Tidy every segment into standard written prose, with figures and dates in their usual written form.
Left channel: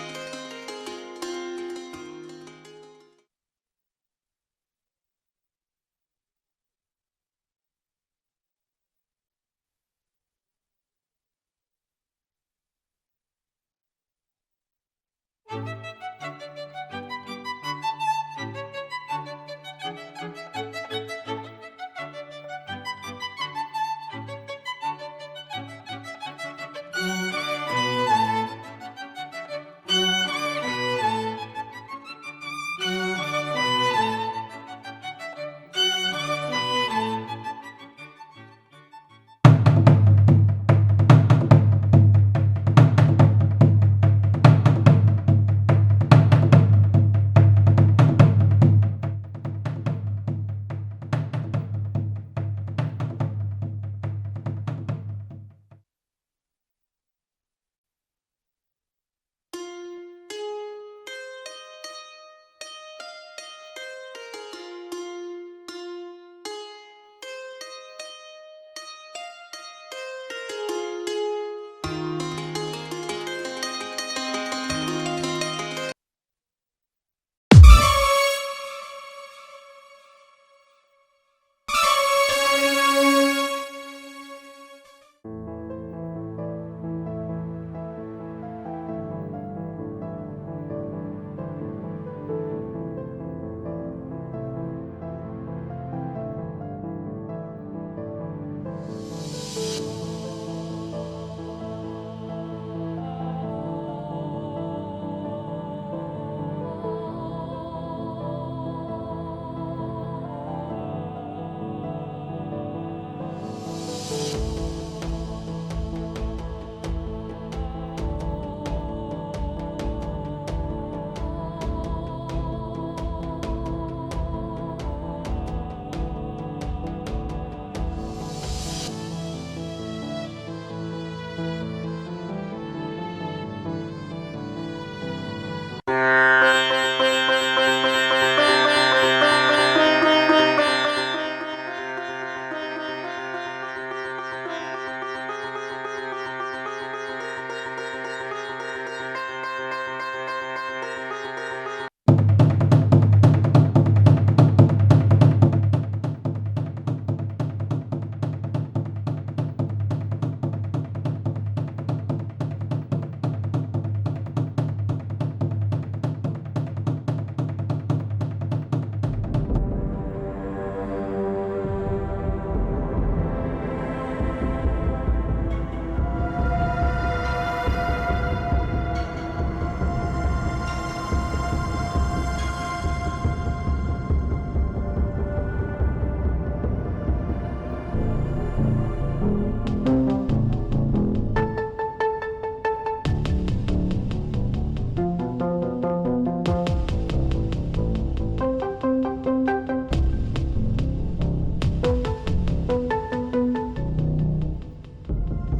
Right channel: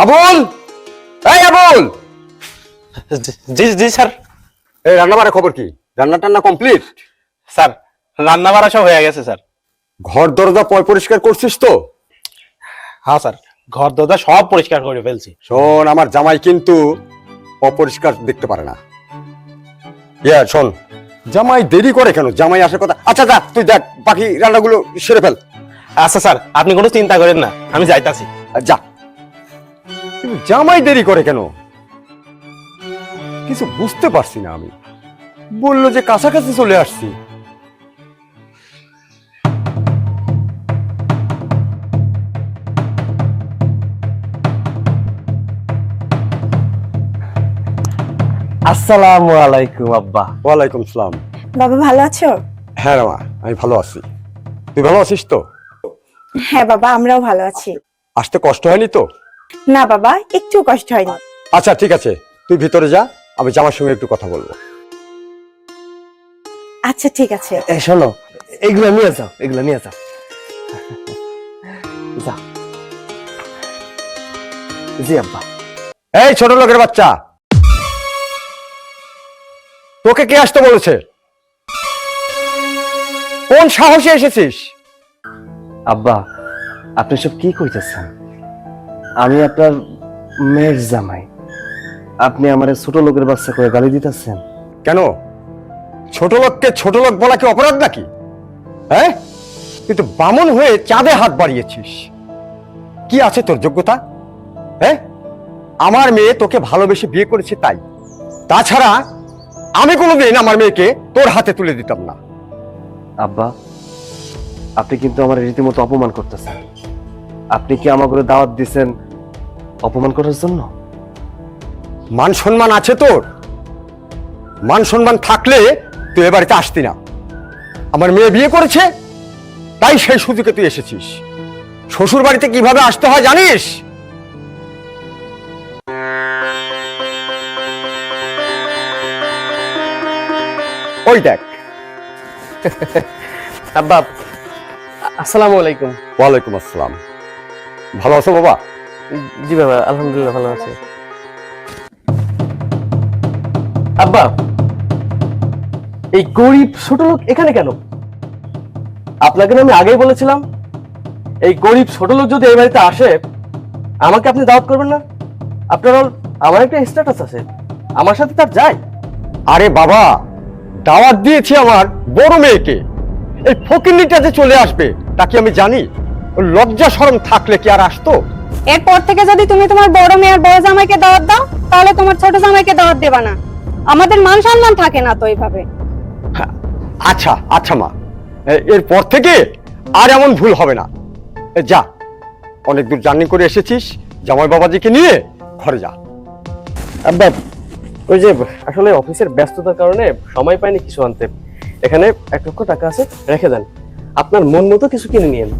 আবুল, এই আবুল। জি জি স্যার। এই রান্না বাড়ার খবর কি? রান্না টান্না কমপ্লিট? স্যার রান্না বাড়া সব হয়ে গেছে স্যার। ঘর দরজা পরিষ্কার করছিস তো? হ্যাঁ স্যার, ঘর দরজা সব পরিষ্কার করে ফেলছি। শোন, আমার জামাই কিন্তু অপরিষ্কার দেখতে পারে না। শোন, জামাই দেরি করে কেন? জামাই আসার কথা। আচ্ছা যা, তুই দেখ বাকি রান্নাগুলো সেরে ফেল। আচ্ছা স্যার, আপনি কোনো চিন্তা করেন না, আমি যাইতাছি। যা। কিন্তু জামাই দেরি করে কেন? কিছু বুঝতে পারছি না আমি। বললো যে কাছাকাছি চলে আসছি। আসসালামু আলাইকুম আব্বা। ওয়ালাইকুম সালাম। বাবা ভালো আছো? হ্যাঁ রামা, আমি ভালো আছি। তুই ভালো আছিস তো? হ্যাঁ বাবা, আমরাও ভালো আছি। আসতে কষ্ট হয়নি তো? না বাবা, একটু কষ্ট হয়নি। আচ্ছা ঠিক আছে, তুই ভিতরে যা, আমি জামার সঙ্গে একটু কথা বলবো। আচ্ছা ঠিক আছে। শোনো, এগুলো নিয়ে যাও, এগুলো নিয়ে যাও। যাও। জি আব্বা। এই ছোট লোকের বাচ্চা, তোকে কে আসতে বলেছে? কোন সাহসে এসেছিস? আব্বা, আপনি সব কি কইতেছেন? আমি আপনার মেয়ের জামাই, আপনি আমার ছোট লোকের বাচ্চা করে গালি দিতেছেন কেন? ছোট লোককে ছোট লোক বলা কি অপরাধ নাকি? হ্যাঁ, কিন্তু বামন হয়ে চাঁদে হাত বাড়িয়েছিস। কি আছে তোর যোগ্যতা? হ্যাঁ, আমার মেয়ে তোকে ভালোবেসে বিয়ে করেছে তাই। তাছাড়া আমি কোনোদিন আমার মেয়েকে তোর হাতে তুলে দিতাম না। আব্বা, আপনি কিন্তু আমার রীতিমতো অপমান করতেছেন। আপনি কি আমার করে দাওয়াত দিচ্ছেন অপমান করার জন্য? মান সম্মান আছে তোর? মান সম্মান থাকলে তুই এ বাড়িতে আসতি না। আমার মেয়ে বিয়ে করেছে তাই সেই সুযোগে তুই এসেছিস। শ্বশুর বাড়িতে কিভাবে আসতে হয় জানিস? ওই দেখ। আব্বা, আসসালামু আলাইকুম। ওয়ালাইকুম আসসালাম। ভালো আছো বাবা? জি বাবা, আলহামদুলিল্লাহ ভালো আছি। আব্বা, এই গরিব ছোট লোক এখানে কেন? আপনাকে না আমি আগেই বলেছিলাম, এই গরিব ছোট লোক যদি এই বাড়িতে আসে আমাকে আপনি দাওয়াত করবেন না। আপনার আমার একটা স্ট্যাটাস আছে, আমার সাথে তার যায়। আরে বাবা, দাওয়াত দিয়েছি আমার বড় মেয়েকে। এই ফকিন্নিটা যে চলে আসবে তা কি আমি জানি? ওর লজ্জা শরম থাকলে কি আর আসতো? এরপর থেকে যদি তুমি তোমার বড় মেয়ে আর বড় জামাইকে দাওয়াত দাও, তাহলে তোমার ছোট জামাইকে দাওয়াত দেবা না। আমাদের মান সম্মান থাকে না তো এইভাবে। আচ্ছা আচ্ছা মা, এরপর থেকে আর এমন ভুল হবে না। যা, অনেক দূর জার্নি করে এসেছিস, জামাই বাবাজিকে নিয়ে ঘরে যা। আব্বা, ওই যে আসলে অফিসের ব্যস্ততার কারণে সময় পাইনি কিছু আনতে। এখানে 1,00,000 টাকা আছে, রেখে দেন। আপনার মন মতো কিছু কিনে নিয়েন।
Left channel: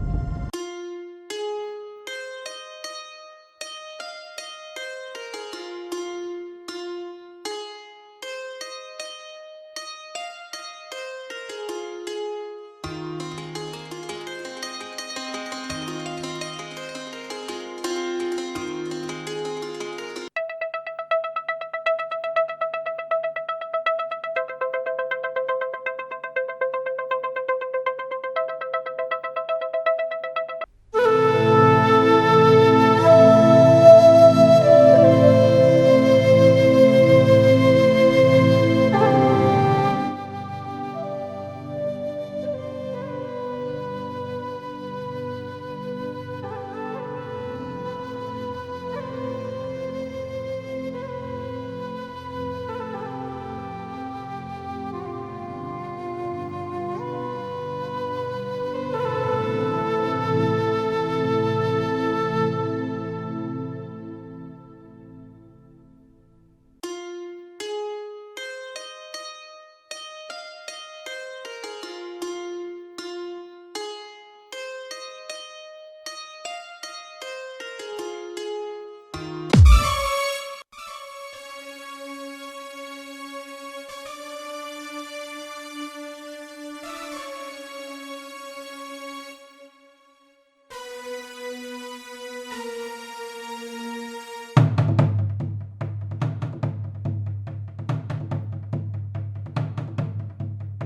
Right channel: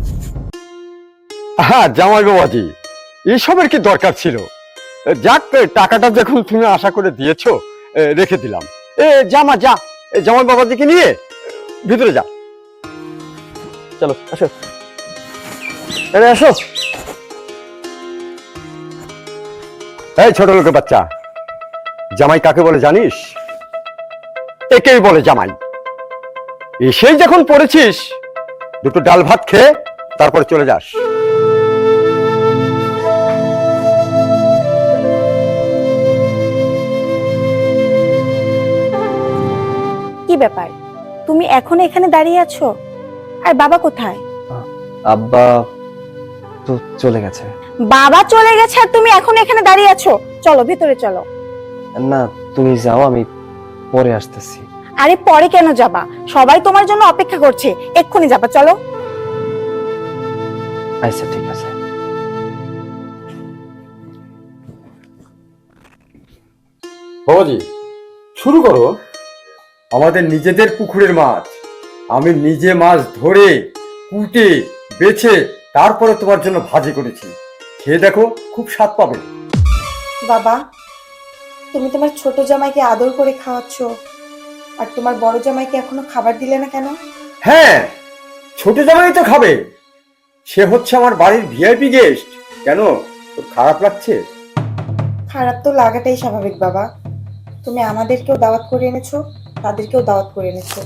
হ্যাঁ জামাই বাবাজি, এসবের কি দরকার ছিল? যাক, টাকাটা যখন তুমি আশা করে দিয়েছো, রেখে দিলাম। জামা যা, জামাই বাবাজিকে নিয়ে ভিতরে যা। চলো আসো, এখানে আসো। এই ছোট লোকের বাচ্চা, জামাই কাকে বলে জানিস? একেই বলে জামাই। এসেই যখন পড়েছিস, দুটো ডাল ভাত খেয়ে তারপরে চলে যাস। কি ব্যাপার, তুমি এখন এখানে দাঁড়িয়ে আছো? আর বাবা কোথায়? আব্বা তো চলে গেছে। বাবা চলে গেছে আর তুমি এখন এখানে দাঁড়িয়ে আছো? চলো ভিতরে চলো। না, তুমি যাও, আমি পরে আসতেছি। আরে পরে কেন যাবা? সবাই তোমার জন্য অপেক্ষা করছে, এক্ষুনি যাবা, চলো। আচ্ছা ঠিক আছে। বাবাজি, শুরু করো। আমাদের নিজেদের পুকুরের মাছ, আমি নিজে মাছ ধরে কুটে বেছে তারপরে তোমার জন্য ভাজি করেছি। খেয়ে দেখো, খুব স্বাদ পাবে। বাবা, তুমি তোমার ছোট জামাইকে আদর করে খাওয়াচ্ছ, আর তোমার বড় জামাইকে এখনো খাবার দিলে না কেন? হ্যাঁ, ছোট জামাই তো খাবে। সে হচ্ছে আমার বাড়ির ভিআইপি গেস্ট। কেন, তোর খারাপ লাগছে? খারাপ তো লাগাটাই স্বাভাবিক বাবা। তুমি আমাদেরকেও দাওয়াত করে এনেছো, তাদেরকেও দাওয়াত করে এনেছো।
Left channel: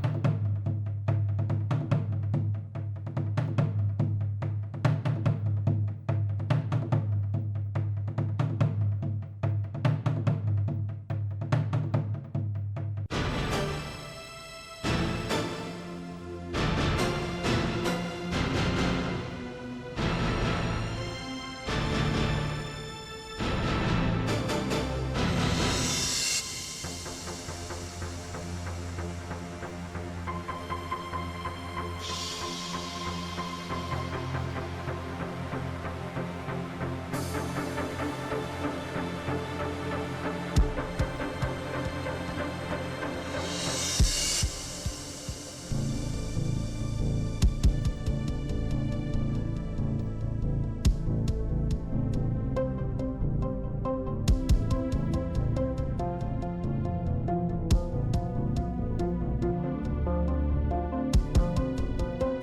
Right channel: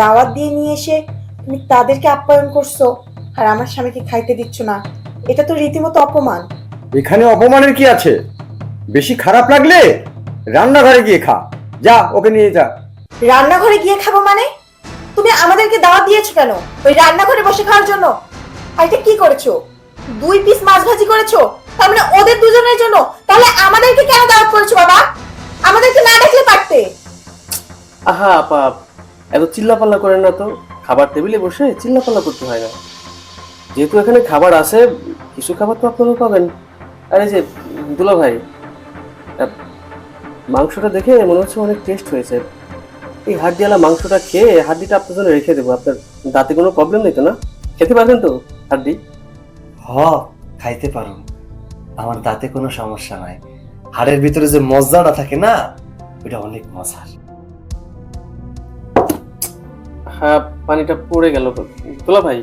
দাওয়াত দিয়ে নিয়ে এসে তুমি তাদেরকে আপ্যায়ন করছো আর আমার স্বামীকে খাইতে দিচ্ছ না, এটা তো রীতিমতো অপমান। এখানে অপমানের কি আছে? বেশি খারাপ লাগলে রান্নাঘরে গিয়ে খা। যা, ওকে নিয়ে যা। রান্নাঘরে গিয়ে খাবো মানে? তুমি আমাদেরকে দাওয়াত দিয়েছো কেন ওই রান্নাঘরে বসে খাওয়ার জন্য? আর এটা কি করেছো? 2 পিস মাছ ভাজি করেছো, তার মানে ওদের দুজনের জন্য। তাহলে আমাদেরকে কেন দাওয়াত করেছো বাবা? আমাদেরকে না ডাকলে পারতে। আহা আপা, এত চিল্লাপাল্লা করেন না তো। খাবার টেবিলে বসে চিল্লাপাল্লা করতে হয় না। যেহেতু এখানে খাবার আছে, কিছু খাবার তো আপনারা পাবেন। আরে যে দুলা ভাই, মাংসটা দেখে মনে হচ্ছে অনেক টেস্ট হয়েছে। এই হাড্ডিওয়ালা মাংসটা খেয়ে হাড্ডিটা আপনার জন্য রেখে দেবো। আপনার দাঁতে কোনো প্রবলেম নেই তো না? খেতে পারবেন তো হাড্ডি? খাইতে পারো, আমার দাঁতে কোনো সমস্যা নাই। হাড়ের ভিতরে যে মজাটা থাকে না, ওটা অনেক মজার। হ্যাঁ, পানিটা পড়ে গেল। দুলা ভাই,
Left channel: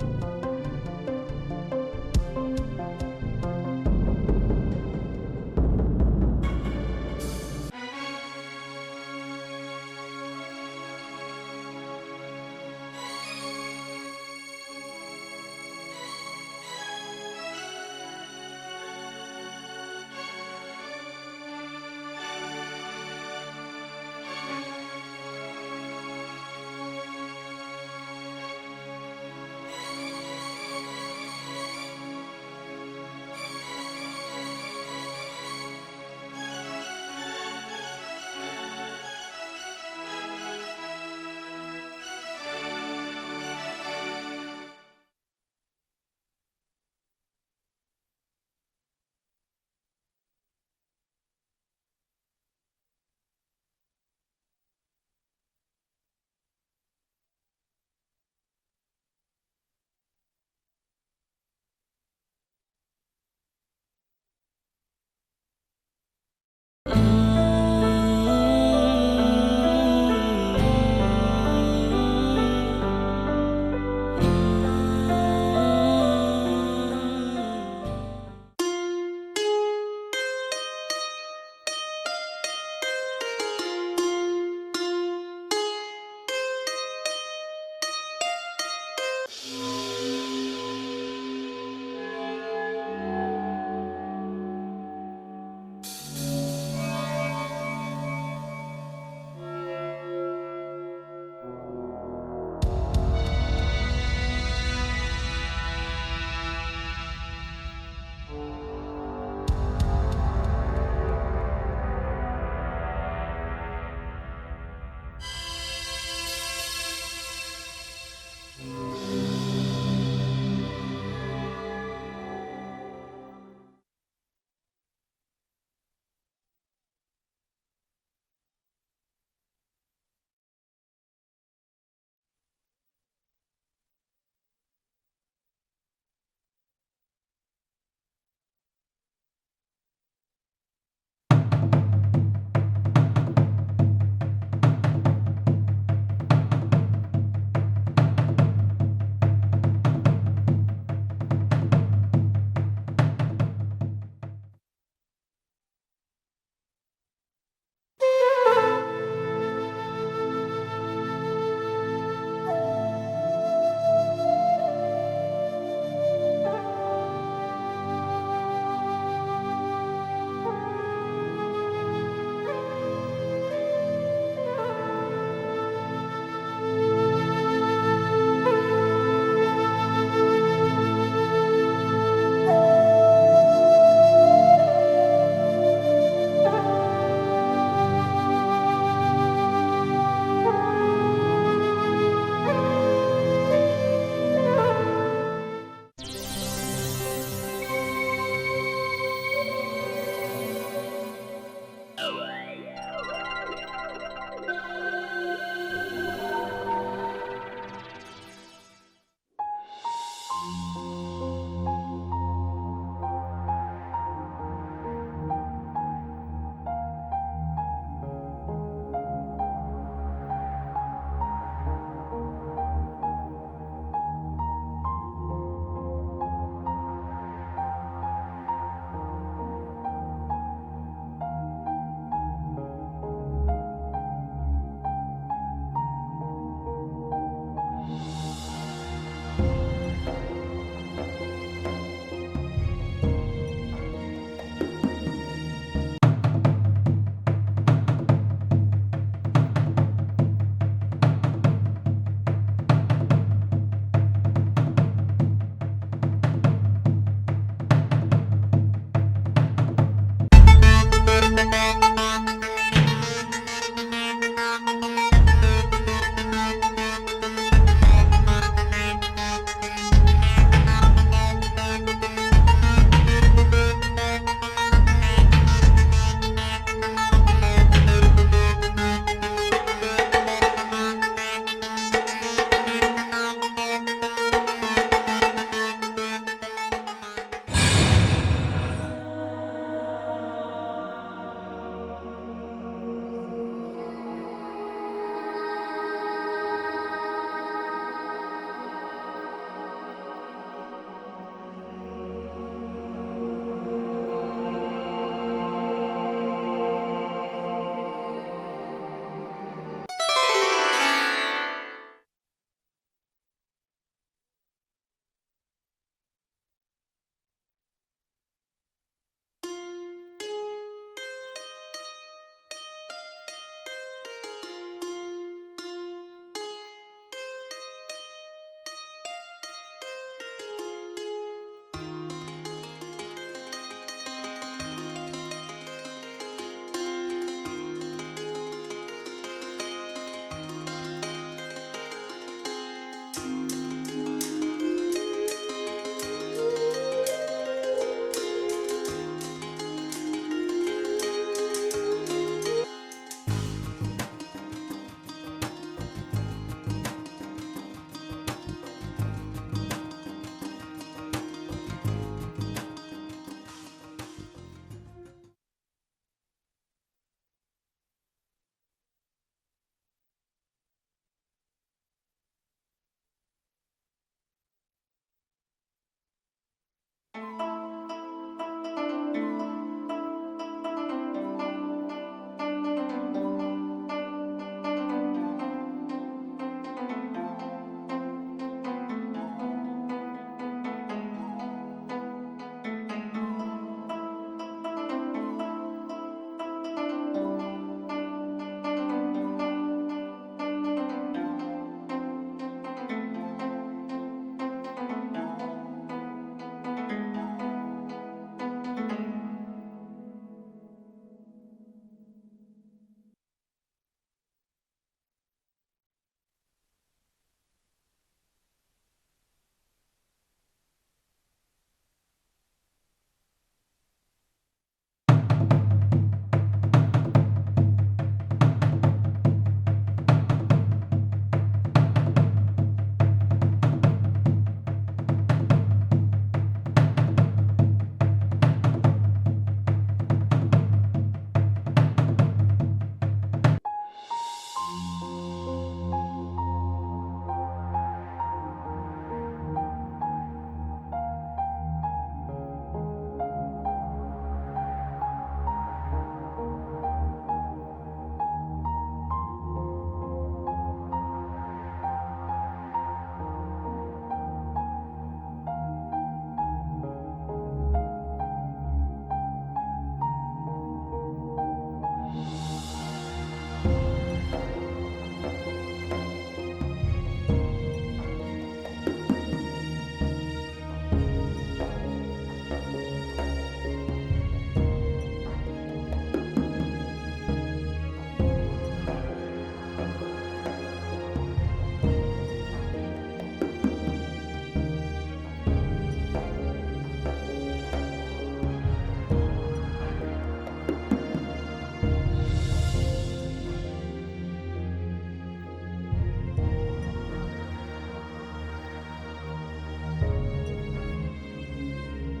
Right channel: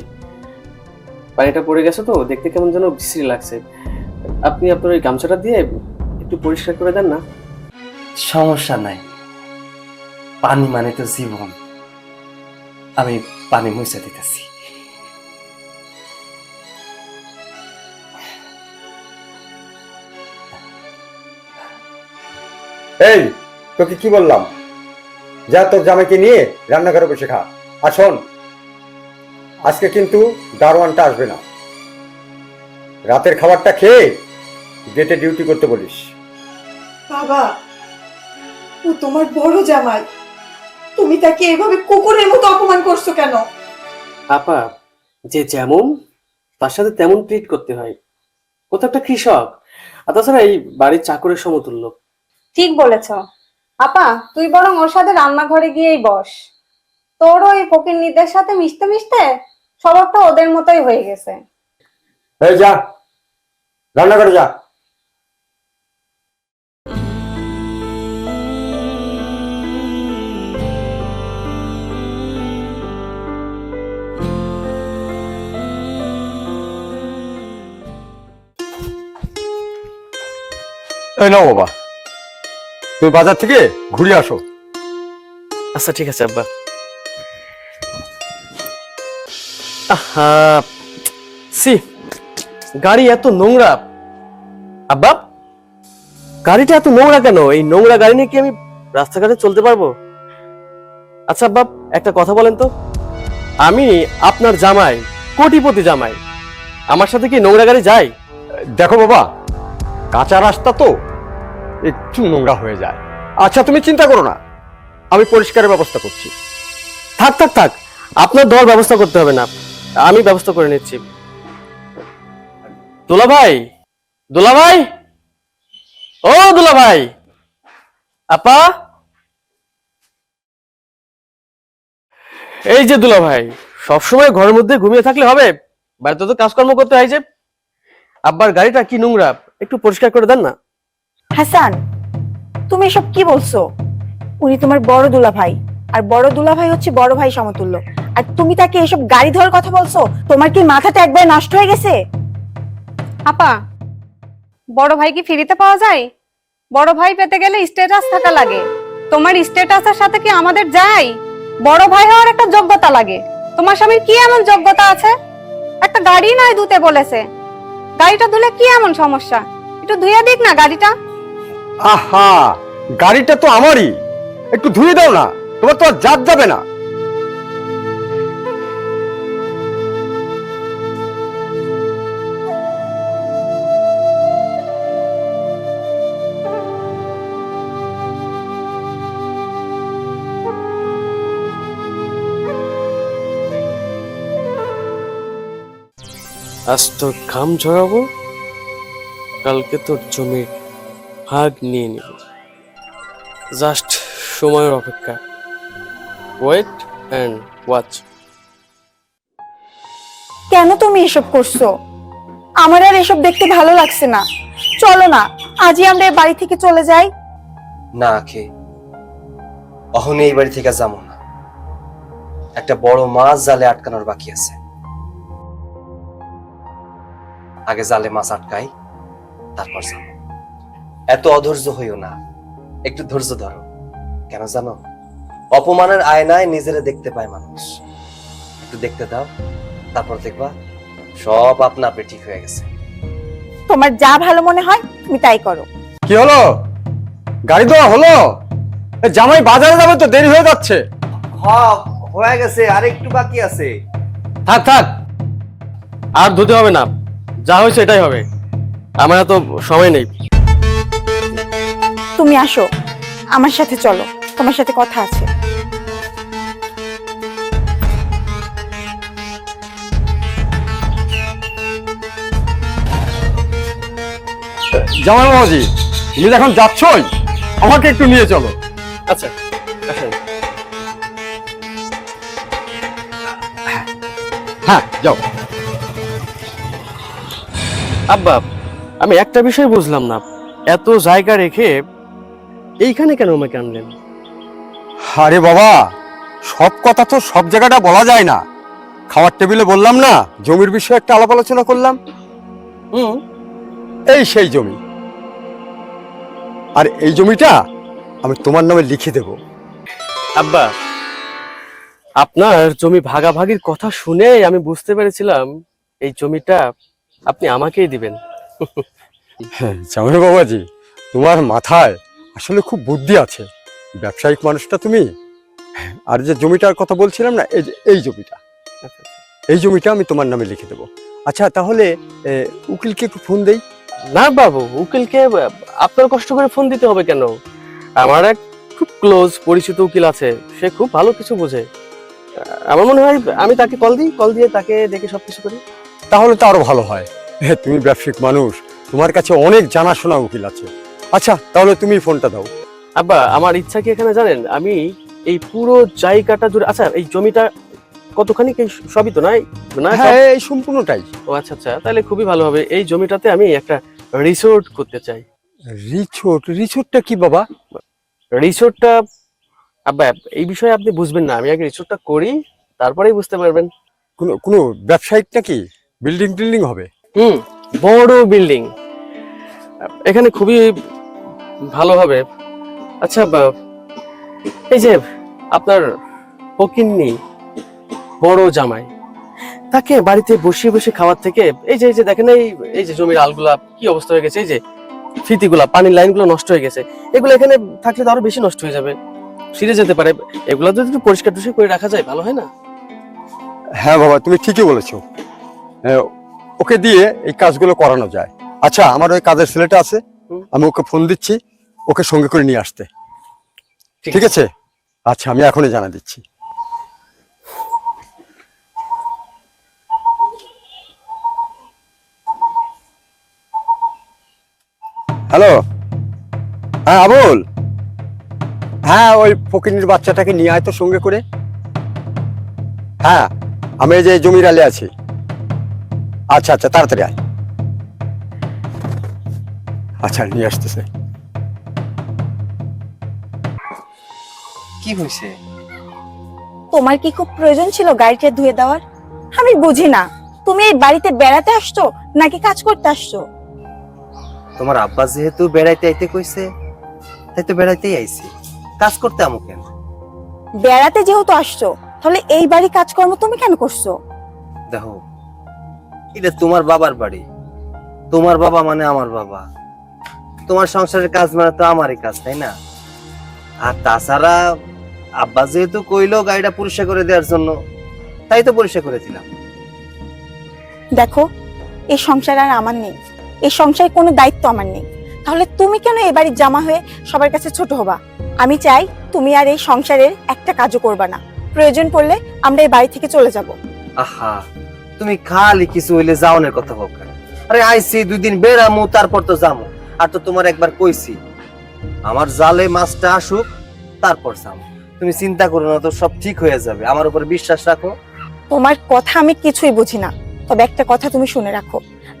পানিটা পড়ে গেছে তো দেখতে কেমন যেন বিশ্রী লাগছে। আপনি আপনার ওই গামছাটা দিয়ে একটু পরিষ্কার করে দেন না? সমস্যা নাই, পানি মানে তো জীবন। আমি পানি মুছে দিতেছি। এই, তোকে কি বললাম? যা, তোর জামাইকে নিয়ে রান্নাঘরে বসে খা। আর শোন, আজকে কিন্তু দারোয়ানটা আসবে না। রাতের খাবারটা খেয়ে গেটে ডিউটি করতে বলিস। বাবা, ও তোমার বড় জামাই, তুমি তাকে এভাবে কুকুরের মতো অপমান করছো কেন? আপা, যে যেমন তার সাথে তেমন ট্রিট করতে হয়। ও তো একটা কৃষক, আর তাছাড়া এই বাড়ির চাকরের সমতুল্য। ঠিক বলেছ আপা, তুই বরং ওর সাথে রান্নাঘরে গিয়েই বস। তোর ওই ফকিন্নিদের সাথে মিশতে মিশতে স্বভাবটা ওদের মতোই হয়ে গেছে। এই যা, রান্নাঘরে যা। এই নাও বাবা, তুমি বাজার থেকে ঘুরে আসো। আচ্ছা ঠিক আছে আব্বা। আহা, সি, গাড়ি এত নোংরা। আব্বা, গাড়িটা এত নোংরা কেন? এই নোংরা গাড়ি নিয়ে কি আমি রাস্তাঘাটে চলতে পারবো? আচ্ছা আব্বা, একটা কথা বলেন তো, আমি আপনার জামাই, কোটিপতি জামাই, আমার সাথে কি নোংরা গাড়ি যায়? দেখো বাবা, কাঁচা রাস্তা তো একটু নোংরা হয়ে যায়। আচ্ছা, তুমি চিন্তা করো না, আমি পরিষ্কারের ব্যবস্থা করছি। থাক থাক থাক, আপনার দেওয়ার ব্যবস্থা করতে হবে না, আমি ব্যবস্থা করে নিচ্ছি। দুলা ভাই, দুলা ভাই, ও দুলা ভাই, আপা, এই যে দুলা ভাই, সবসময় ঘরের মধ্যে ঘুমিয়ে থাকলে হবে? বাড়িতে তো কাজকর্ম করতে হয় যে। আব্বার গাড়িটা কি নোংরা, একটু পরিষ্কার করে দেন না। হাসান, তুমি এসব কি বলছো? উনি তোমার বড় দুলা ভাই, আর বড় দুলা ভাই হচ্ছে বড় ভাই সমতুল্য। আর তুমি তাকে এসব গাড়ি ধরার কথা বলছো? তোমার কি মাথাটা একবার নষ্ট হয়ে গেছে? আপা, বড় ভাই কি ফ্রিতে পাওয়া যায়? বড় ভাই পেতে গেলে স্ট্যাটাস থাকা লাগে। তোমার স্ট্যাটাসের সাথে কি আমাদের যায়? বড় ভাই হওয়ার একটা যোগ্যতা লাগে। তোমার স্বামীর কি এমন যোগ্যতা আছে? একটা গাড়ি নয় ধুতে বলেছে, গাড়িটা ধুলে কি এমন সমস্যা? একটু ধুয়ে দিক না গাড়িটা। আহা, গাড়িটা তো আমারই, একটু ধুয়ে দাও না, তোমার তো আর জাত যাবে না। আজ তো ঘাম ঝরাবো, কালকে তো জমির ভাগ নিয়ে নিব। জাস্ট সময়ের অপেক্ষা, ওয়েট এন্ড ওয়াচ। কেন তুমি এসব করছো? আমার আর এসব দেখতে ভালো লাগছে না। চলো না, আজই আমরা এই বাড়ি থেকে চলে যাই। না খে, অহনে এই বাড়ি থেকে যাবো না। একটা বড় মাছ জালে আটকানোর বাকি আছে। আগে জালে মাছ আটকাই, তারপর যাও। এত অধৈর্য হইও না, একটু ধৈর্য ধরো। কেন জানো, অপমানের আয়নায় নিজেরে দেখতে পায় মানুষ। একটু দেখতে দাও, তারপর দেখবা সব আপনা আপনি ঠিক হয়ে গেছে। তোমার যা ভালো মনে হয় তুমি তাই করো। কি হলো? গাড়ি দেওয়া হলো? এ, জামাই বাজারে যাবে তো, দেরি হয়ে যাচ্ছে। হ্যাঁ, হয়ে গেছে, আর একটু বাকি আছে। থাক থাক, আর ধুতে হবে না, যা হয়েছে এটাই হবে। আমার এত সময় নেই। তুমি আসো, আমার সাথে চলো, তোমার সাথে কথা আছে। জামাই বাবাজি, তুমি এখন যাচ্ছই, আমাকে একটু নিয়ে চলো। আচ্ছা হ্যাঁ, যাও। আব্বা, আমি একটা বিষয় বুঝলাম না, এত জায়গা রেখে এইখানে কেন আমাকে আনলেন? আরে বাবা, সব কথা তো সব জায়গাটা বলা যায় না। খাওয়ার টেবিলে বললাম না, জমির বিষয়ে একটা আলাপ আলোচনা করলাম। হুম, এই সেই জমি, আর এই জমিটা আমি তোমার নামে লিখে দেব। আব্বা, আপনার জমি ভাগাভাগির কথা শুনে আমি বুঝতে পেরেছিলাম এই জমিটা আপনি আমাকেই দিবেন। হ্যাঁ, জামাই বাবাজি, তোমার মাথায় আসলে খুব বুদ্ধি আছে, ব্যবসায়িক মানুষটা তুমি। আর যে জমিটার কথা বলছিলাম না, এই যে এই জমিটা, এই জমিটা আমি তোমার নামে লিখে দেবো। আচ্ছা, তাহলে উকিলকে একটু ফোন দেই। না বাবু, উকিলকে আপনার কষ্ট করে ফোন দিতে হবে কেন? আমার এক খুব ক্লোজ পরিচিত উকিল আছে, সে খুব ভালো কিছু বোঝে। আমার মনে হয় আমি তাকে কল দিই, কল দিয়ে তাকে দেখে সবকিছু করি। তাহলে তো আরো ভালো হয়। হ্যাঁ, তুমি ব্যবসায়িক মানুষ, তোমার কাছে অনেক জানাশোনা উকিল আছে। আচ্ছা, তাহলে তুমি ফোনটা দাও। আব্বা, আমার ইচ্ছা কি এখানে জানেন? আমি এই পুরো জায়গাটা জুড়ে, আচ্ছা এই জমিটা কতখানি, কি সবই তো নাই না? হ্যাঁ, এই সম্পূর্ণটাই। ও আচ্ছা আচ্ছা, তাহলে খুবই ভালো হবে। এই জমিটাতে আমি একটা রিসোর্ট করতে চাই। রিসোর্ট? রিসোর্টটা কি বাবা? রিসোর্টটা আব্বা, এই বিষয়ে আপনি বুঝবেন না, আমি আগে রিসোর্টটা করি, তারপরেই বুঝতে পারবেন। কোনো কোনো ব্যবসায়িক নাকি? বিল্ডিং টিল্ডিং হবে? হুম, বড় বিল্ডিং, এখানে খুবই ভালো হবে। আচ্ছা এই যে আপনার ফকিন্নি বড় জামাই, তাকে বাড়িতে বসিয়ে বসে খাওয়ার থেকে এই যে দেখেন, এই যে জমির আলগুলা কি অবস্থা হয়ে গেছে, এই যে ফিতিগুলা, পানির লাইনগুলো নষ্ট হয়ে গেছে, এগুলো এখানে থাকলে তো আরো বেশি নষ্ট হয়ে যাবে, ছিঁড়ে যেতে পারে। এগুলো যদি একটু পরিষ্কার টুষ্কার করে রাখা যায়, ভালো হয় না? হ্যাঁ বাবা, তুমি ঠিকই বলেছো। ওকে দিয়ে এই কাজগুলো করানো যায়। আচ্ছা, আমার ওই কাজের ছেলেটা আছে, আমি ওকে ফোন দিচ্ছি, ওকে সঙ্গে করে নিয়ে আসতে। ঠিক আছে? আচ্ছা, আমি এখনই জানা দিচ্ছি। হ্যালো, হ্যাঁ আবুল, হ্যাঁ ওই ফকিনীর বাচ্চাটাকে নিয়ে আয় তো সঙ্গে করে। হ্যাঁ, আমি এই যে জমির আলে আছি। আচ্ছা আচ্ছা, তাড়াতাড়ি আয়। আচ্ছা, নিয়ে আসতেছে। কি হয়েছে? তোমার কি খুব প্রয়োজন ছিল গাড়িটা ধুয়ে দেওয়ার? আমি বুঝি না, তুমি এই বাড়িতে বেড়াতে আসছো নাকি কাজ করতে আসছো? তোমার আব্বা যেহেতু বেড়াইতে আইতে কইছে, তাই তো বেড়াইতেই আইছি, কাজ করতে আমু কেন? বেড়াতে যেহেতু আসছো, তাহলে এই বাড়ি কাজকর্ম তুমি কেন করছো? দেখো, এটা তোমার বাবার বাড়ি, তোমার বাবা মানে আমার বাবা, তোমার সংসারের কাজ মানে তো আমারই কাজ, তাই না? আর তাছাড়া আব্বা যেহেতু কইলো গাড়িটা পরিষ্কার করে দেওয়ার জন্য, তাই তো পরিষ্কার করে দিলাম। দেখো, এই সংসার আর আমার নেই, এই সংসারে কোনো দায়িত্ব আমার নেই, তাহলে তুমি কেন এই বাড়ির জামা হয়ে সবার কাছে ছোট হবা? আমি চাই তুমি আর এই সংসারের একটা কাজও করবা না, প্রয়োজন পড়লে আমরা এই বাড়ি থেকে চলে যাব। আহা, তুমি খালি কিছু হইলে যাওনের কথা বল কেন? আরে আইছি 2 দিন বেড়ামু, তারপর তো যাবো। আর তো তোমার একবার কইছি, আমার জালে মাছটা আসুক, তারপর যাবো। তুমি চিন্তা করো না, তো সব ঠিক হয়ে যাবে, আমার উপর বিশ্বাস রাখো। তোমার কথা আমি কিছুই বুঝি না, তবে একটা কথা তুমি শুনে রাখো,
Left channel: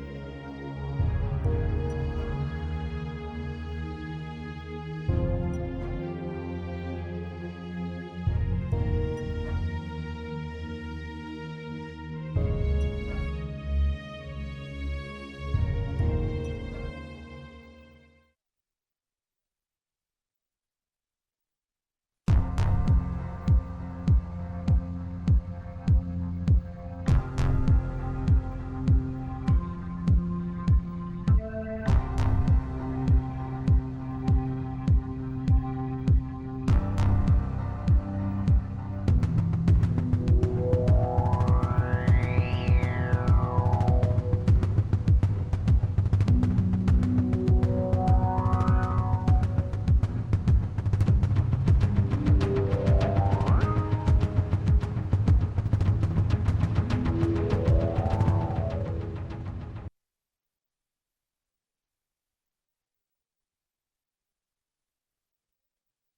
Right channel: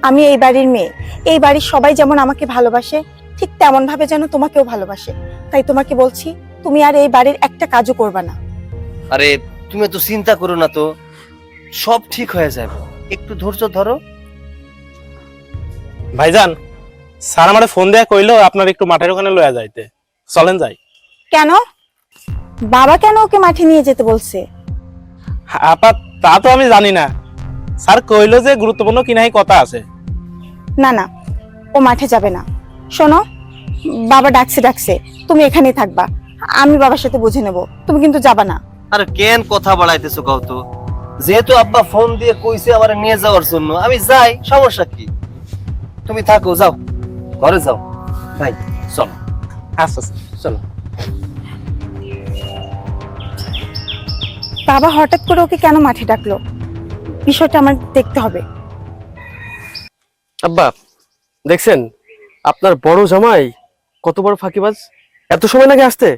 আমি এই বাড়ির মেয়ে, এই বাড়ির সবাই যেমন আমাকে ভালোবাসে, ঠিক তেমন ভাবে যেন তোমাকেও ভালোবাসে। তাই তোমাকে বলছি, তুমি আর এই বাড়ির একটা কাজও করবা না। আরে তুমি তো চিন্তা করো না, তো সব ঠিক হয়ে যাবে, একটু ধৈর্য ধরো। ভাইজান, স্যার আমারে ফোন দেয়া কইলো আপনার একটু মাঠের ওখানে লয়া যাইতে, চলেন যাই। কেন বাবা কেন ওকে মাঠে নিয়ে যেতে বলছে? আপা তা তো আমি জানি না, স্যার কইলো যে গুরুত্বপূর্ণ কিনাই কথা আছে। না না, ও মাঠে যাবে না। শোনো, বাবা ডাকছে, তুমি এখানেই থাকবা, আমি বাবার সাথে বুঝে নেব, তুমি কিন্তু যাবা না। আর কেন কথা বাড়াইতেছো কও তো? যেহেতু আব্বা ফোন দিয়ে কইছে আমারে নিয়ে যাওয়ার জন্য, আমি যাই, সমস্যা কি? তুমি থাকো, যাও ঘরে যাও। ভাই চলো। আচ্ছা চলো। বাবা হঠাৎ করে ওকে কেন মাঠে ডাকলো, বিষয়টা আমার দেখতে হবে। আব্বা দেখছেন আপনার বড় জামাই কত বড় ফাঁকিবাজ, এত সময় লাগে আসতে?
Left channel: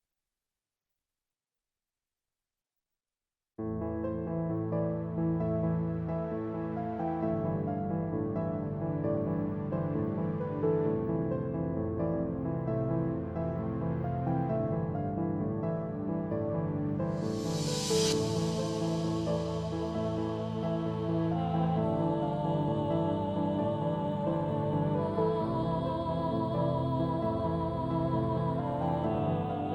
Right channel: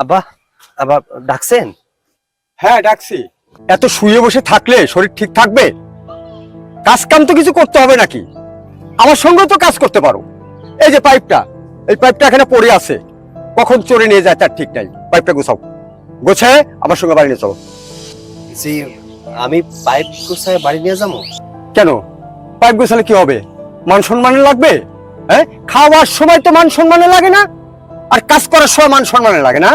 আব্বা, আব্বা ডাকছেন? হ্যাঁ ডাকছি। এত শুয়ে বসে থাকলে শরীর ঠিক থাকবে? কাজ কাম তো কিছু করতে হবে নাকি? আমার সঙ্গে তো কাজ করতে পারো। এই যে পাইপটা, এই পাইপটা এখানে পড়ে আছে, কখন চোরে নিয়ে যায় তার ঠিক নাই। পাইপটা গোছাও, গোছায় আমার সঙ্গে বাড়ি নিয়ে চলো। জি, আমি পাইপ গুছায় বাড়ি নিয়ে যাবো। কেন? পাইপ গোছালে কি হবে? মান সম্মানে লাগবে? হ্যাঁ, খাওয়ার সময় তো মান সম্মানে লাগে না, আর কাজ করার সময় মান সম্মানে লাগে না?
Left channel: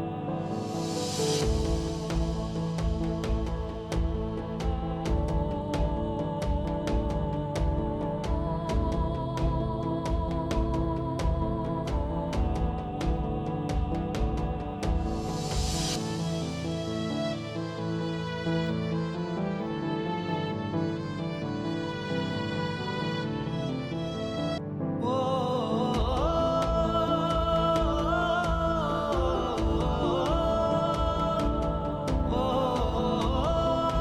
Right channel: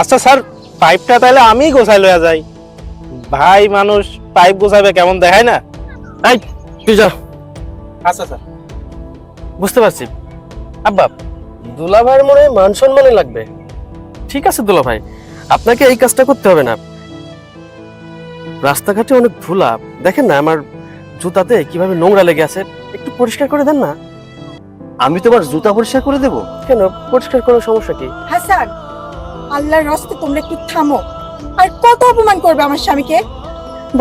আচ্ছা স্যার, পাইপটা তাহলে আমি গোছাই লয়া যাই। ভাই মানুষ পাইপ গোছাবে কেমন দেখায় না? এই তুই যা। আচ্ছা স্যার। বুঝতে পারছি আব্বা, দুলা ভাইয়ের মনে হয় মান সম্মানে লাগবে। ঠিক আছে দুলা ভাই, আপনাকে এই কাজটা করতে হবে না। রাস্তাঘাটে অনেক ধুলা, দেখেন না আমার জুতাতে কিভাবে নোংরা লেগে আছে, একটু পরিষ্কার করে দেন না। আমি তোমার জুতা পরিষ্কার করে দেবো? কেন, পরিষ্কার করার সমস্যা কি? হাসান, আল্লাহর রাস্তে তোমরা একটু থামো। আর কত অপমান করবে আমার স্বামীকে?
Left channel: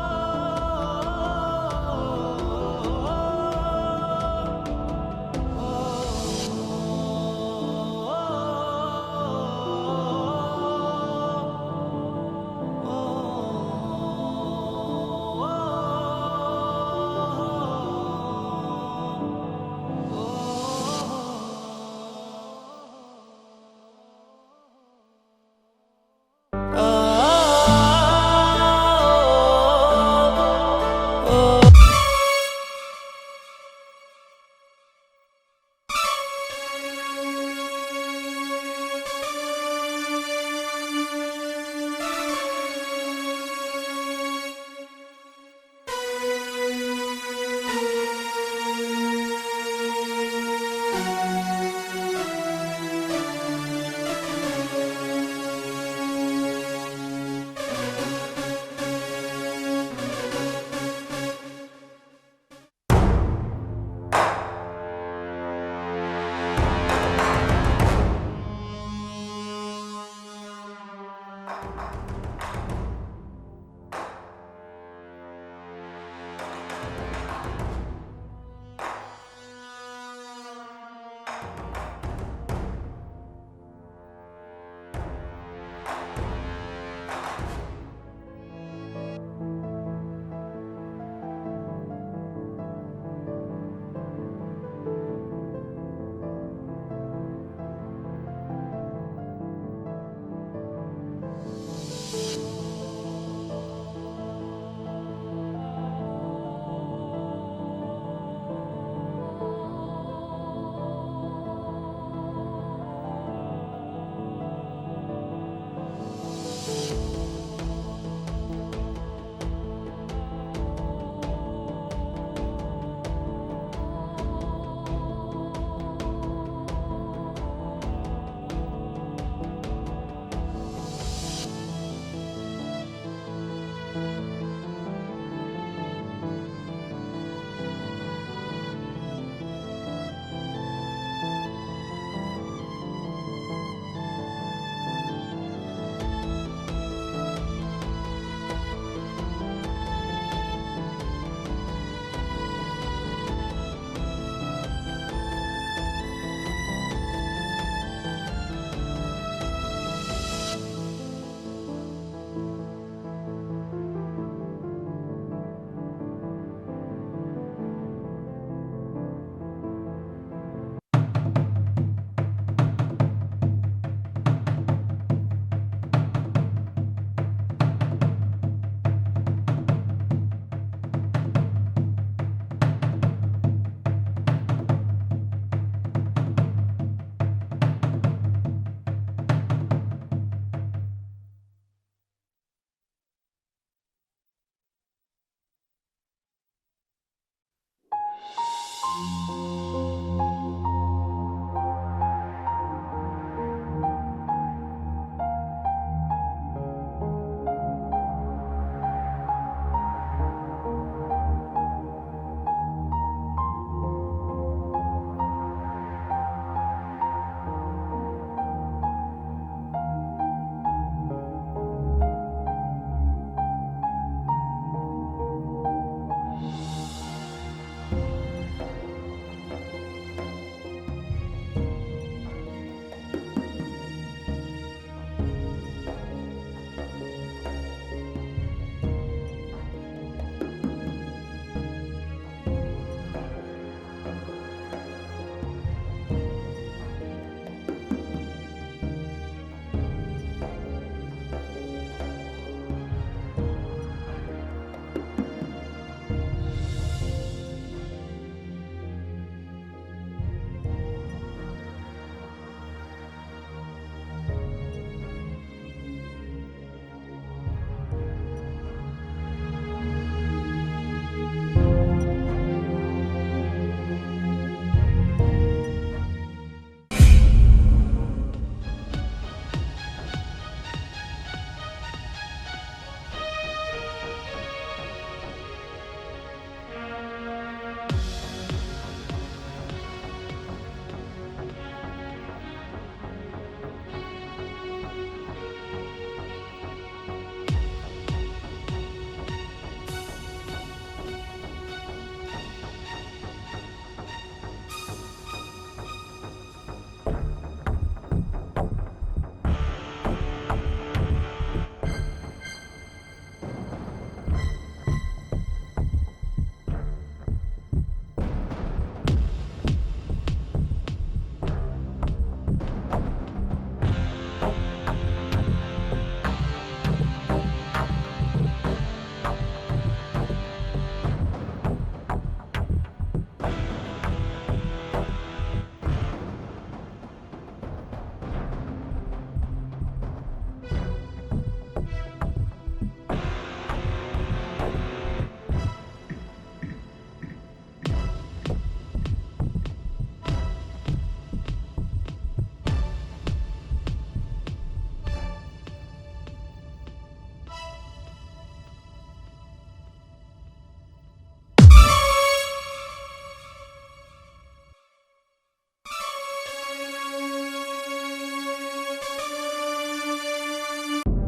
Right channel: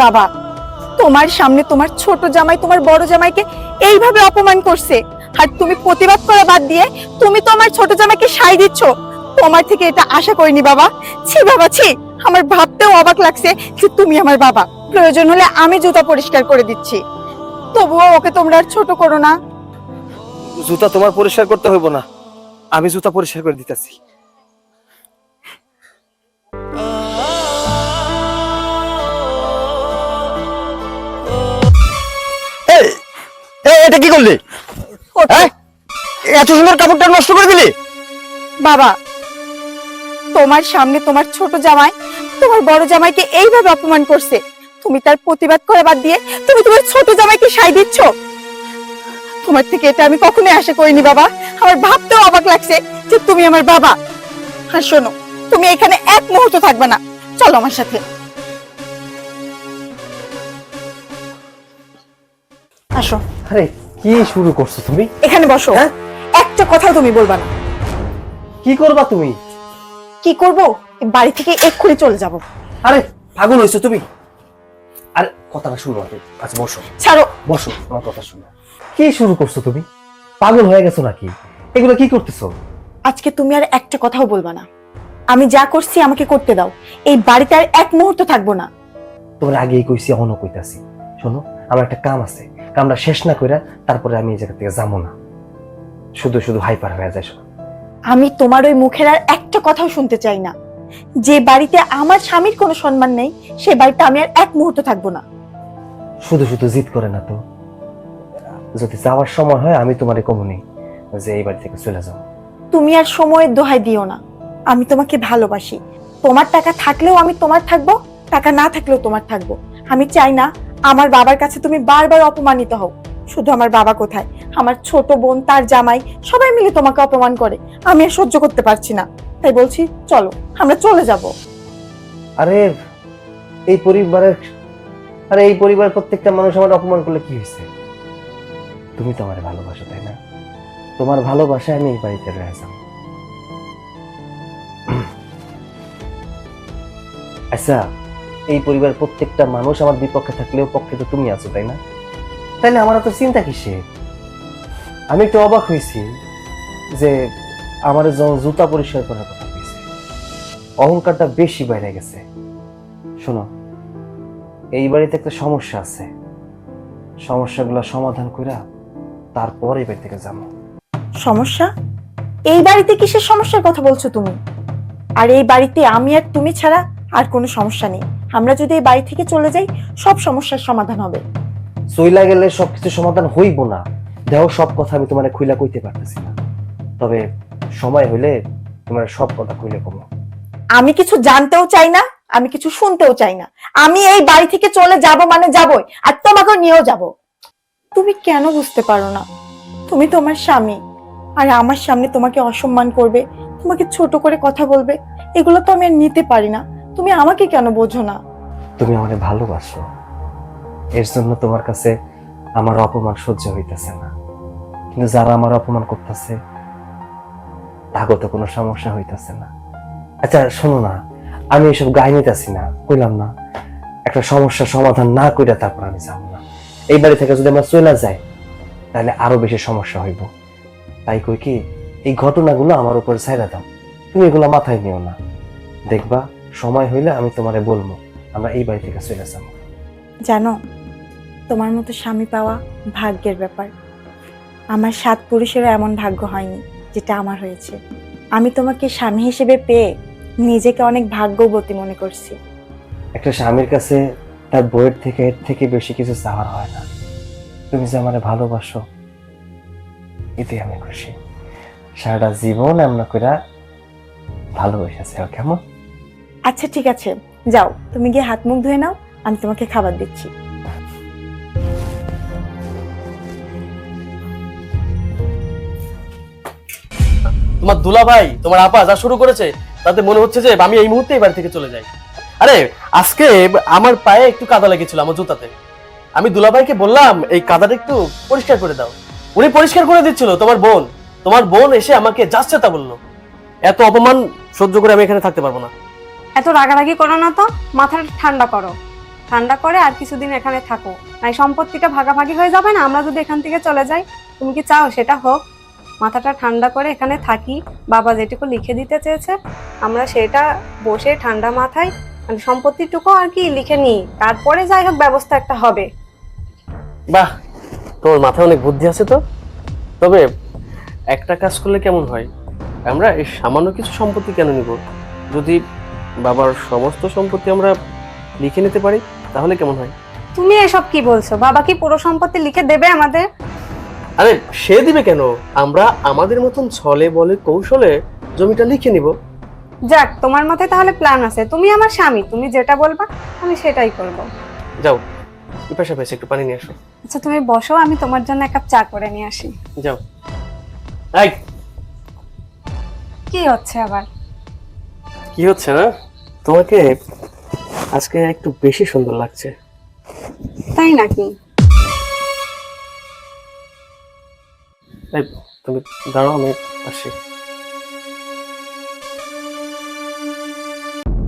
বাবা, তোমার সামনে তোমার ছোট জামাই তোমার বড় জামাইকে এইভাবে অপমান করছে, আর তুমি প্রতিবাদ করা বাদ দিয়ে তুমি তো আমার ছোট জামাইকে সাই দিচ্ছ। তোমার থেকে এটা আশা করিনি বাবা। ছি বাবা ছি, আমার ভাবতেও অবাক লাগছে যে তুমি আমার বাবা। প্রয়োজন হলে আমি জুতা পরিষ্কার করে দিচ্ছি, তবুও ওকে তোমরা আর ছোট করো না। জুতা তোমার পরিষ্কার করতে হইব না, আমি জুতা পরিষ্কার করে দিতেছি। এই, এটা কি করলি? হ্যাঁ, এত সুন্দর কাপড়টা নষ্ট করে দিলি? বাবা, তোমার সামনে তোমার ছোট জামাই তোমার বড় জামাইকে এইভাবে অপমান করছে, তুমি তার প্রতিবাদ করা বাদ দিয়ে তুমি তোমার ছোট জামাইকে সাই দিচ্ছ। তোমার থেকে এটা আমি কখনোই আশা করিনি বাবা। আমার ভাবতেও অবাক লাগছে যে তুমি আমার বাবা। আর শোনো, তুমি এখানে এক মুহূর্ত থাকবে না, চলো আমার সাথে। আসো, আরে কি শুরু করছো তুমি? এখানে বসো। একটা কথাও তুমি বলবা না। কি করবা তুমি? কি করব? এই বাড়ি থেকে এক্ষুনি চলে যাব। আরে পাগল হইছো তুমি? আরে কথাটা শুনো আগে। আচ্ছা বসো, ছাড়ো। বসো, আমার কথা শুনো। কি শুরু করছো তুমি? পাগল হয়ে গেছো নাকি? এগুলো কি করতেছো? আজকে তুমি আর একটা কথাও বলবা না। আমি যা করছি আমাকে করতে দাও। এই বাড়িতে আর এক মুহূর্ত থাকবো না। তোমার আগেই কইছি, এখনো কইতাছি। শোনো, আমার একটা কাম আছে, কামটা শেষ না কইরা তারপরে আমি এই জায়গা থেকে যাবো না। শুধু শুধু হাইপার হয়ে যায়। আমি তোমার ওই মুখের আর একটা কথাও শুনতে চাই না। যে বাড়িতে আমার স্বামীর কোনো সম্মান নেই, সে বাড়িতে আমি আর এক মুহূর্ত থাকবো না। শুধু শুধু জিদ করে না তো। যদি যাওয়ার সময় হয় আমি তোমারে কমনি যে এই বাড়ি থেকে চলে যাও। তুমি আর সময়ের দোহাই দিও না। আমি তোমাকে ভালোবাসি। তোমার টাকা থাকলেও আমি তোমার থাকবো, টাকা না থাকলেও তোমার থাকবো। আমি চাই না আমার বাবার কাছে তুমি বারবার অপমানিত হও। শুধু আমার বাবা কোথায়, আমার ছোট বোন, তার জামাই, সবাই মিলে তোমাকে অপমান করে। আমি আর সহ্য করতে পারছি না, তাই বলছি চলো আমরা চলে যাব। আরে এই পরিবারের প্রত্যেকটা মানুষ আমার অপমান করলে কি হয়েছে? তুমি তো আমার ভালোবাসো, তাই না? তোমার ভালোবাসায় আমি এই বাড়িতে রয়ে যাব। আচ্ছা, এই পরিবারের প্রত্যেকটা মানুষ আমার বিপক্ষে থাকলেও পক্ষে তো তুমি আছো, তাই না? তাইলে আমার তো চিন্তা কিসে? আমি একটু অবাক হয়েছি যে আমার যখন জুতা পরিষ্কার করার কথা বলছে, অহংকারটা বেশি বাইরে গেছে। শোনো, এই বাড়িতে একটা সমস্যা আছে, সমস্যাগুলো সমাধান কইরা তারপর এই বাড়ি থেকে যাবো। সমস্যা? এই বাড়িতে কিসের সমস্যার কথা বলছো তুমি? আর এই বাড়িতে আমি আর তুমি ছাড়া আর কোনো সমস্যা নেই। আমরা যদি এই বাড়ি থেকে চলে যাই, সব সমস্যার সমাধান হবে। চইলা গেলে সবকিছু সমাধান হইব না। দেখো, সব কথা আমি তোমার খুইলা কইতে পারতেছি না, তবে সময় হইলে তোমার সব কথা খুইলে কমো। আমি কিছু জানতেও চাই না, আমি কিছু শুনতেও চাই না। আমি এই বাড়ি থেকে চলে যাব মানে যাবই, আর তোমাকে নিয়েও যাব। তুমি কেন বুঝতে পারো না? তুমি তোমার স্বামী, আর আমার সামনে তোমাকে অসম্মান করবে, তোমাকে ছোট করে কথা বলবে, এগুলো তো আমি আর নিতে পারি না। তুমি আমাকে কেন বোঝো না? তুমি আমাকে ভালোবাসো, এর জন্য তোমার কাছে আমার অপমান সহ্য হইতেছে না। কিন্তু যারা আমার অপমান করতেছে তাগত কোনো সমস্যা হইতেছে না। আচ্ছা শোনো না, আমি এসব গায়ে নিতেছি না, কইলাম না একটা সমস্যার সমাধান না কইরা তারপর আমি যাবো না। এই বাড়ি থেকে যদি আমরা চলে যাই তাহলে আরো বেশি সমস্যা হইব। তাই কই কি, এই ঘটনাগুলো আমার উপর ছাইড়া দাও, তুমি এগুলো মাথায় নিও না। দেখবা সময় হইলে আমি তোমারে বলবো, আমরা এই বাড়ি থেকে চলে যাবো। জানো, তোমার মতো স্বামী পাওয়া ভাগ্যের ব্যাপার। আমার 7 পুরুষেরও এমন ভাগ্য হয়নি যেটা আমার হয়েছে। আমি তোমাকে স্বামী হিসেবে পেয়ে নিজেকে অনেক ভাগ্যবতী মনে করছি। একটা স্বামীর কাছে তার বইয়ের থেকে এর থেকে বেশি কিছু চাওয়ার হয় না। তুমি যে আমারে ভালোবাসো এতে আমি খুশি। সারাটা জীবন আমরা কইরা ভালোবেসেছি, কেমন? আচ্ছা ঠিক আছে, যাও তুমি গিয়ে হাত মুখ ধুয়ে নাও, আমি তোমাকে খাবার দিচ্ছি। তোমার দুলাভাই, তোমার আপা যা শুরু করেছে তাতে মনে হচ্ছে যে আমি এই মুহূর্তে এই বাড়ি থেকে চলে যাই। আরে আজকে আমার পায়ে একটু কাদা লেগেছিল আমার জুতাতে, আমি দুলাভাইকে বললাম এই কাদাটা একটু পরিষ্কার করে দাও, উনি পরিষ্কার করে দিচ্ছিল। তোমার বোন এসে আমাকে যাচ্ছে তা বললো। এত অপমান সহ্য করে আমি এখানে থাকতে পারবো না। এত রাগারাগি করো না তো, মাথাটা ঠান্ডা করো। ঠান্ডা করে আর কিছুদিন এখানে থাকো, তাই সম্পত্তিটা ভাগাভাগি হয়ে যাবে না আমরা যদি এখান থেকে চলে যাই? তুমি কি চাও সেটা হোক? মাথাটা ঠান্ডা করে এখানে থাকি, বাবা যেটুকু লিখে দিতে চেয়েছে আমরা সেটা বসে ঠান্ডা মাথায় মানে সম্পত্তিটুকু আর কি লিখে নিই, তারপরে যাই হোক ব্যবস্থা একটা হবে। বাহ, তোমার মাথায় অনেক বুদ্ধি আছে তো। তবে একটা কাজ করলে কেমন হয়, আমরা এই সামান্য কিছু সম্পত্তি কেন নিব? যদি বাবার সমস্ত সম্পত্তি আমরা লিখে নিতে পারি তাহলে কেমন হয়? তুমি এসব কি বলছো? বাবা কি পুরো সম্পত্তি লিখে দেবে আমাদের? আরে সে দিবে কেন, আমরা আমাদের মতন ছলে বলে কৌশলে জমিটা লিখে নিব। যাক, তোমার মাথায় তাহলে প্ল্যান আছে। তুমি আমার স্বামী, তুমি যেটা বলবা আমি সেটাই করব। যাও, পিপাসা পেয়েছে, একটু পানি নিয়ে আসো। আচ্ছা তুমি বসো, আমি তোমার জন্য এক কাপ চা করে নিয়ে আসি। যাও। এই কি হচ্ছে আবার? কি হচ্ছে না, তোমাকে আজকে একটু বেশি সুন্দর লাগছে। তাই নাকি? এই তুমি দাঁড়াও, আমি আসি।